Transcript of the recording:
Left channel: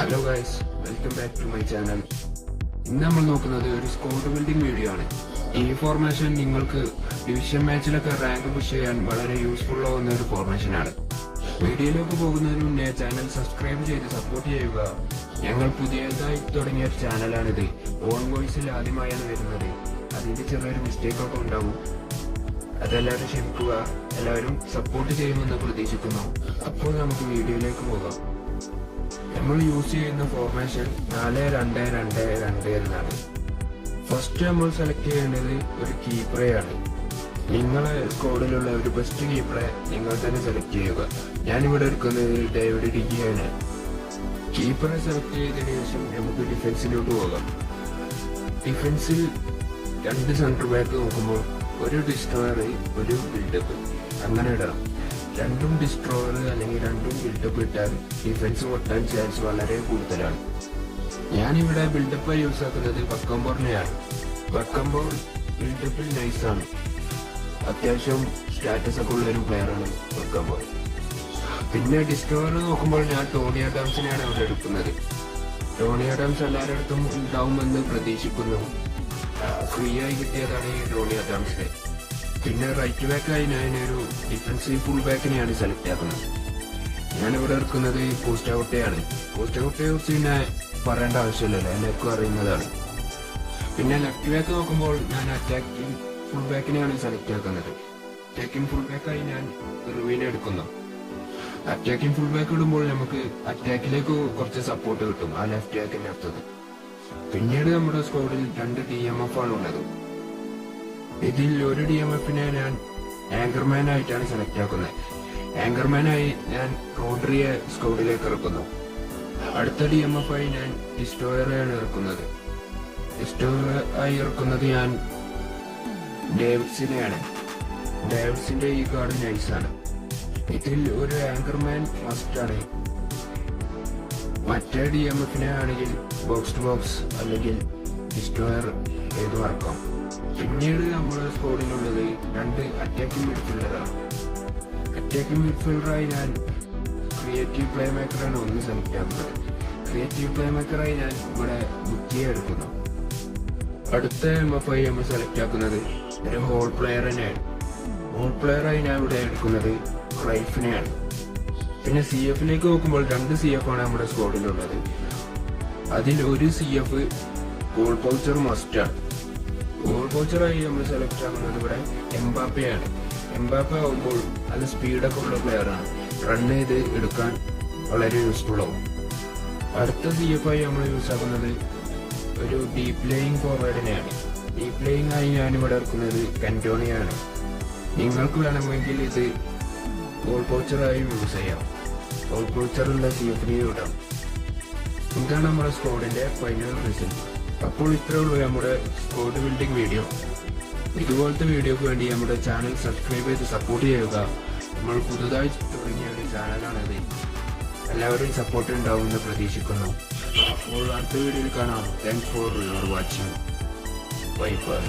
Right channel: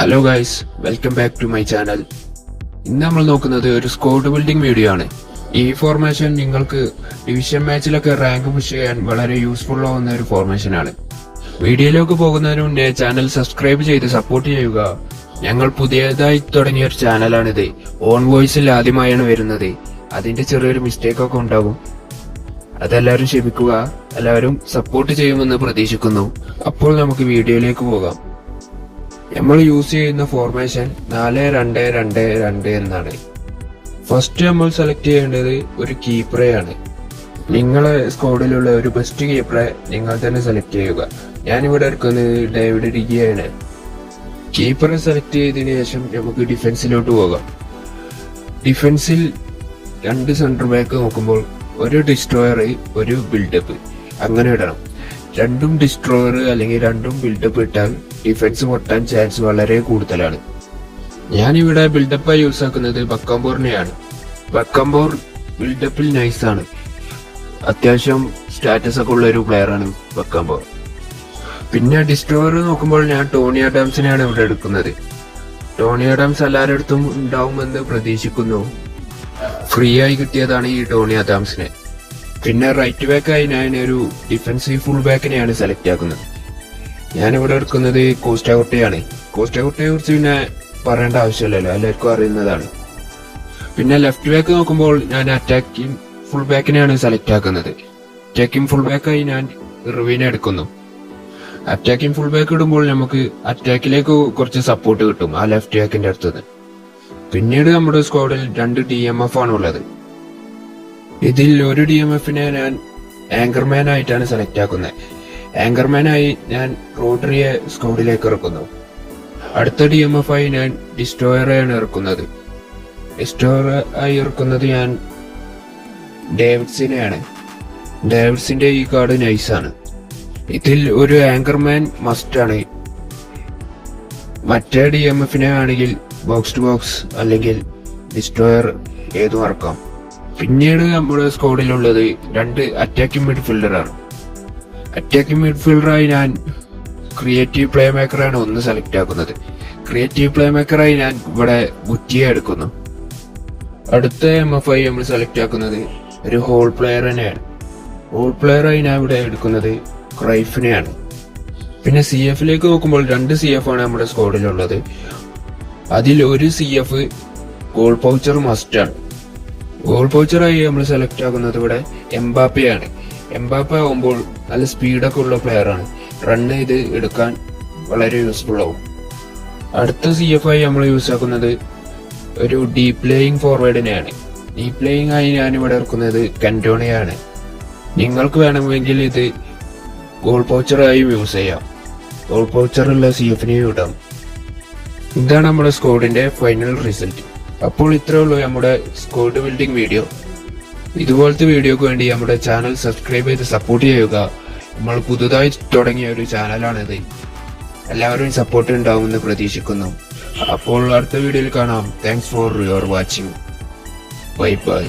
Hello guys, welcome back to my channel. ഇന്ന് നമ്മൾ നോക്കുന്നത് ഒരു സ്ക്വാഡ് ബിൽഡിംഗ് വീഡിയോ ആണ്. ഈ ഫോർമേഷൻ നിങ്ങൾക്ക് ഡിവിഷൻ മാച്ചിലൊക്കെ റാങ്ക് പുഷ് ചെയ്യാൻ വളരെ യൂസ്ഫുൾ ആവുന്ന ഒരു ഫോർമേഷൻ ആണ്. വീഡിയോയിലേക്ക് പോകുന്നതിന് മുന്നേ ചാനൽ സബ്സ്ക്രൈബ് ചെയ്ത് സപ്പോർട്ട് ചെയ്യുക. ഞങ്ങൾ പുതിയതായി തുടങ്ങിയ ഒരു ചാനലാണിത്. ഓൺ വോയിസിൽ ആദ്യമായാണ് വരുന്നത്. അതിന്റെ ചെറിയൊരു മിസ്റ്റേക്ക് ഒക്കെ ഉണ്ടാകും, അതെല്ലാവരും ക്ഷമിക്കുക. എല്ലാവരും സപ്പോർട്ട് ചെയ്യുമെന്ന് പ്രതീക്ഷിക്കുന്നു. അപ്പോൾ നമുക്ക് വീഡിയോയിലേക്ക് പോകാം. നമ്മൾ യൂസ് ചെയ്യുന്ന ഫോർമേഷൻ 4-2-2-2 എന്നാണ്. ഫസ്റ്റ് നമ്മൾ സെലക്ട് ചെയ്യേണ്ടത് ഒരു കീപ്പറെയാണ്. നിങ്ങളെ സ്ക്വാഡിലുള്ള ഒരു ബെസ്റ്റ് കീപ്പറെ നിങ്ങൾ തന്നെ സെലക്ട് ചെയ്യുക. ഞാനിവിടെ എടുക്കുന്നത് ഡേവിഡ് ഡിഗിയാണ്. കീപ്പറെ സെലക്ട് ചെയ്തതിനു ശേഷം നമുക്ക് ഡിഫൻസിലോട്ട് പോകാം. ഡിഫൻസിൽ 2 സെന്റർ ബാക്ക് നോക്കുമ്പോൾ ഒരു ഡിസ്ട്രോയർ, ഒരു ബിൽഡപ്പ് അങ്ങനെ ഇടണം. രണ്ടും ഡിസ്ട്രോയർ അല്ലെങ്കിൽ രണ്ടും ബിൽഡപ്പ് ഇട്ടാൽ ഡിഫൻസ് പൊട്ടാൻ ചാൻസ് വളരെ കൂടുതലാണ്. ഞാനിവിടെ ബിൽഡപ്പായി യൂസ് ആക്കുന്നത് ബക്കംബോറിനെയാണ്. ബക്കംബോർ ബിൽഡപ്പിൽ നൈസാണ്. അത്യാവശ്യം സ്റ്റാറ്റസ് ഒക്കെ ഉള്ള ഒരു പ്ലെയറാണ് ബക്കംബോർ. പിന്നെ ഡിസ്ട്രോയർ നോക്കുമ്പോൾ ഞാൻ ടോണി ആഡംസിനെയാണ് ഇവിടെ എടുക്കുന്നത്. ടോണി ആഡംസ് എല്ലാവരുടെ അടുത്തും ഉണ്ടാവുമെന്ന് പ്രതീക്ഷിക്കുന്നു. ഫ്രീ ആയി കിട്ടിയതാണ് ഈ ടോണി ആഡംസിനെ. പിന്നെ റൈറ്റ് ബാക്കായി ഞാൻ ഒരു ഡിഫൻസീവ് ഫുൾ ബാക്കിനെയാണ് സെലക്ട് ആക്കുന്നത്. ഞാനിവിടെ എടുക്കുന്നത് കോസ്റ്റാഗോട്ടയാണ്. കോസ്റ്റാഗോട്ടയെ കുറിച്ച് പിന്നെ പറയേണ്ട ആവശ്യമില്ലല്ലോ, എല്ലാവർക്കും അറിയുന്നതാണ്. പിന്നെ ലെഫ്റ്റ് ബാക്ക് നോക്കുമ്പോൾ ഞാൻ അറ്റാക്കിംഗ് ഫുൾ ബാക്കിനെയാണ് സെലക്ട് ആക്കുന്നത്. അറ്റാക്കിംഗ് ഫുൾ ബാക്കായി ഞാൻ ഇർവിനെ എടുക്കുന്നു. അറ്റാക്കിംഗ് ഫുൾ ബാക്ക് ഇടുമ്പോൾ നമുക്ക് അറ്റാക്കിലേക്ക് കുറച്ച് സപ്പോർട്ട് കിട്ടും ആ ലെഫ്റ്റ് ബാക്കിന്റെ അടുത്തത്. പിന്നീട് നമ്മുടെ സ്ക്വാഡിൽ 2 DMF ആണ് ഉള്ളത്. ഇതിൽ ഒരു DMFനെ ഞാൻ ആങ്കർമാൻ ആയിട്ടാണ് സെലക്ട് ആക്കുന്നത്. ആങ്കർമാനായി ഞാൻ റോഡറിയെ സ്ക്വാഡിലേക്ക് ഇറക്കുന്നു. അടുത്ത DMF ആയി ഞാൻ ഡിസ്ട്രോയറെയാണ് ഇറക്കുന്നത്. ഡിസ്ട്രോയർ ആയി ഇറക്കുന്നത് ഞാൻ ഡേവിഡ്സിനെയാണ്. ഡേവിഡ്സിന്റെ ഈ കാർഡ് നൈസാണ്. ഇതിൽ ഒരു ആങ്കർമാൻ മസ്റ്റ് ആണ്. മറ്റേ DMFനെ ആണെങ്കിൽ ബോക്സ് ടു ബോക്സ് അല്ലെങ്കിൽ ഡിസ്ട്രോയർ ഏതും ഇറക്കാം. പിന്നീട് നമ്മുടെ സ്ക്വാഡിലുള്ളത് 2 അറ്റാക്കിംഗ് മിഡ്ഫീൽഡറാണ്. അറ്റാക്കിംഗ് മിഡ്ഫീൽഡറായി ഞാൻ ക്രിയേറ്റീവ് പ്ലേ മേക്കറാണ് ഒന്ന് സെലക്ട് ആക്കുന്നത്. ക്രിയേറ്റീവ് പ്ലേ മേക്കറായി ഞാൻ ഇവിടെ ബുറ്റിയെ എടുക്കുന്നു. അടുത്ത MF ആയി നമ്മൾ സെലക്ട് ആക്കുന്നത് ഒരു ഹോൾ പ്ലെയർ തന്നെയാണ്. ഹോൾ പ്ലെയറായി ഞാൻ ഇവിടെ എടുക്കുന്നത് ക്രൈഫിനെയാണ്. പിന്നെ CFലേക്ക് നോക്കുമ്പോൾ 2 CF ആണ് നമ്മുടെ സ്ക്വാഡിലുള്ളത്. അതിൽ ഒരു CF ഗോൾ പൗച്ചർ മസ്റ്റ് ആണ്. ഗോൾ പൗച്ചറായി നമ്മൾ സെലക്ട് ആക്കുന്നത് ഇവിടെ എംബാപ്പയാണ്. എംബാപ്പ ആവുമ്പോൾ നല്ല സ്പീഡൊക്കെ ഉള്ള പ്ലെയറാണ്. റൺ ചെയ്ത് എടുക്കാൻ വളരെ യൂസ്ഫുൾ ആവും. അടുത്ത CF ആയി നമ്മൾ യൂസ് ആക്കുന്നത് ഒരു ഡീപ് പ്ലേയിങ് ഫോർവേഡിനെയാണ്. ഡീപ് പ്ലേയിങ് ആയി ഞാനിവിടെ ഇറക്കുന്നത് കന്റോണയാണ്. നിങ്ങൾക്ക് വേണമെങ്കിൽ ഇത് ഗോൾ പൗച്ചറായും യൂസ് ചെയ്യാം. ഗോൾ പൗച്ചറുള്ള CFനെയും ഇടാം. ഇതാണ് നമ്മുടെ സ്ക്വാഡിന്റെ ഫൈനൽ റിസൾട്ട്. അപ്പോൾ ഇത്രേ ഉള്ളൂ നമ്മുടെ സ്ക്വാഡ് ബിൽഡിംഗ് വീഡിയോ. ഇതുപോലത്തെ വീഡിയോക്ക് വേണ്ടി നമ്മുടെ ചാനൽ സബ്സ്ക്രൈബ് ചെയ്ത് സപ്പോർട്ട് ചെയ്യുക. നമ്മൾ പുതുതായി തുടങ്ങിയ ഒരു ചാനലാണിത്. എല്ലാവരും സപ്പോർട്ട് ഉണ്ടാവുമെന്ന് പ്രതീക്ഷിക്കുന്നു. അപ്പോൾ അടുത്ത വീഡിയോയിൽ കാണാം. Thanks for your watching. Bye bye.